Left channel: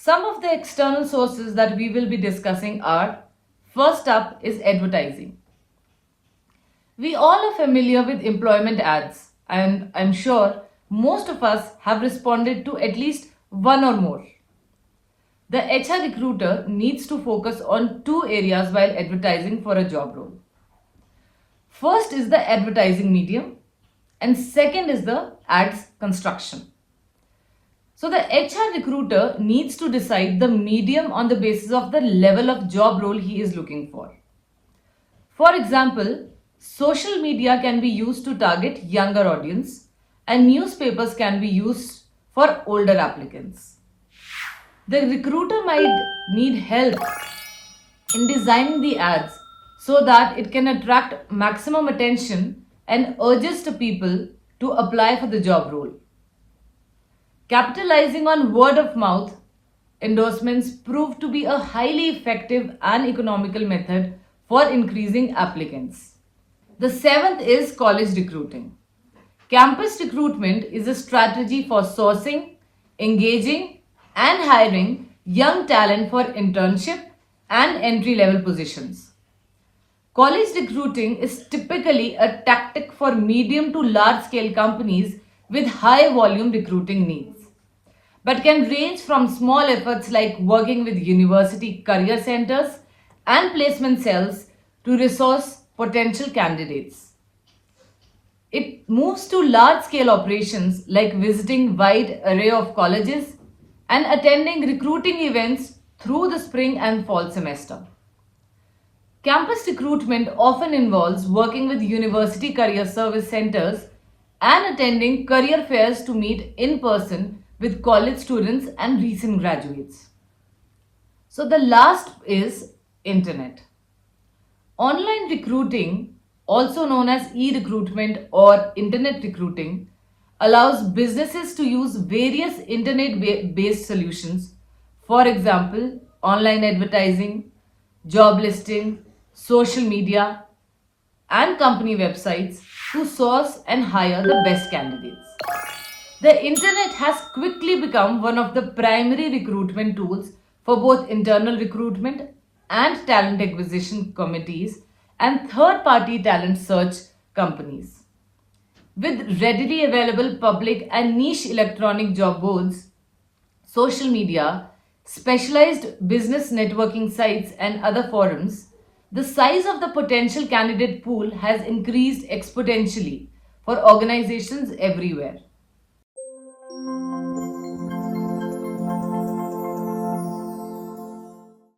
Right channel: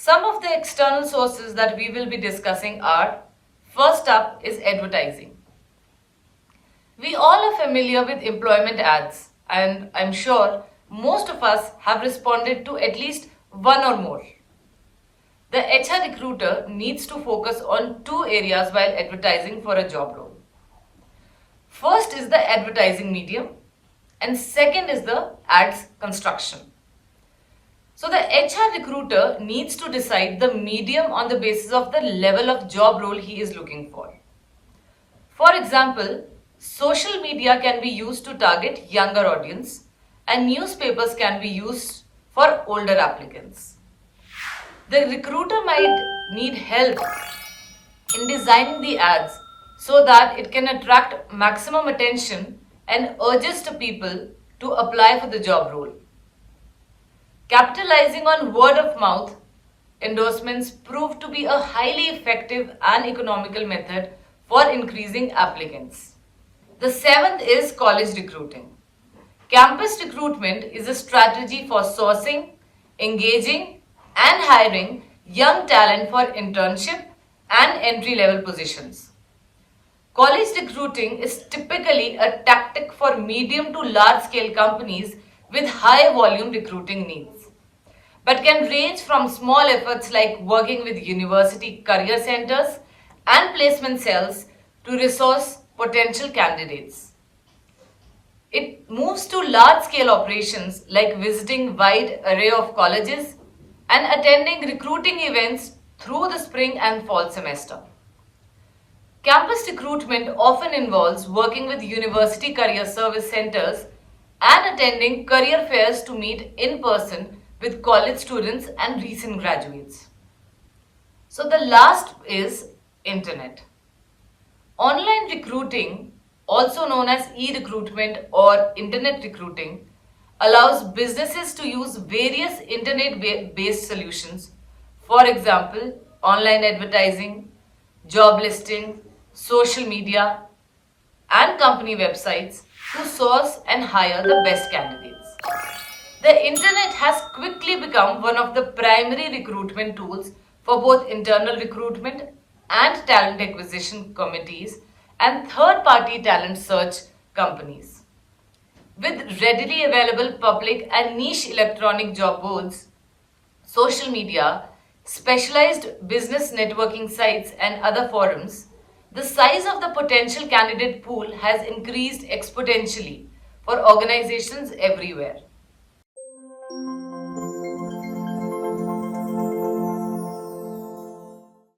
Some of the external sources that we will be discussing are, first up is advertising. We all are familiar with employment ads, and I'm sure most of us have responded to at least one or more. The HR recruiter needs to focus on two areas while advertising for a job role. First is the advertising medium, and second is the ads construction. So the HR recruiter needs to decide the medium on the basis of the level of job role he is looking for. For example, social media can be used to target younger audience and newspapers can be used for older applicants. The recruiter might need help in designing the ads so that it can attract maximum attention and urges the people to apply for the job role. Capitalizing on word of mouth endorsements proved to be a highly effective and economical method for increasing applicants. The seventh is college recruiting. Campus recruitment is a strategy for sourcing, engaging, and hiring young talent for internship and entry level positions. College recruiting is typically a tactic for medium to large scale companies with high volume recruiting needs, but can range from small efforts like working with university career centers and placement cells to resource potential candidates. It moves to large scale operations like visiting wide array of colleges and attending recruiting events through the spring and fall semester. Campus recruitment often involves working with university career service centers and attending career fairs to meet in person with college students and recent graduates. So the last is internet. Online recruiting, also known as e-recruitment or internet recruiting, allows businesses to use various internet-based solutions. For example, online advertising, job listing, social media, and company websites to source and hire the best candidates. The internet has quickly become one of the primary recruitment tools for both internal recruitment and talent acquisition committees and third party talent search companies. With readily available public and niche electronic job boards, social media, specialized business networking sites, and other forums, the size of the potential candidate pool has increased exponentially for organizations everywhere.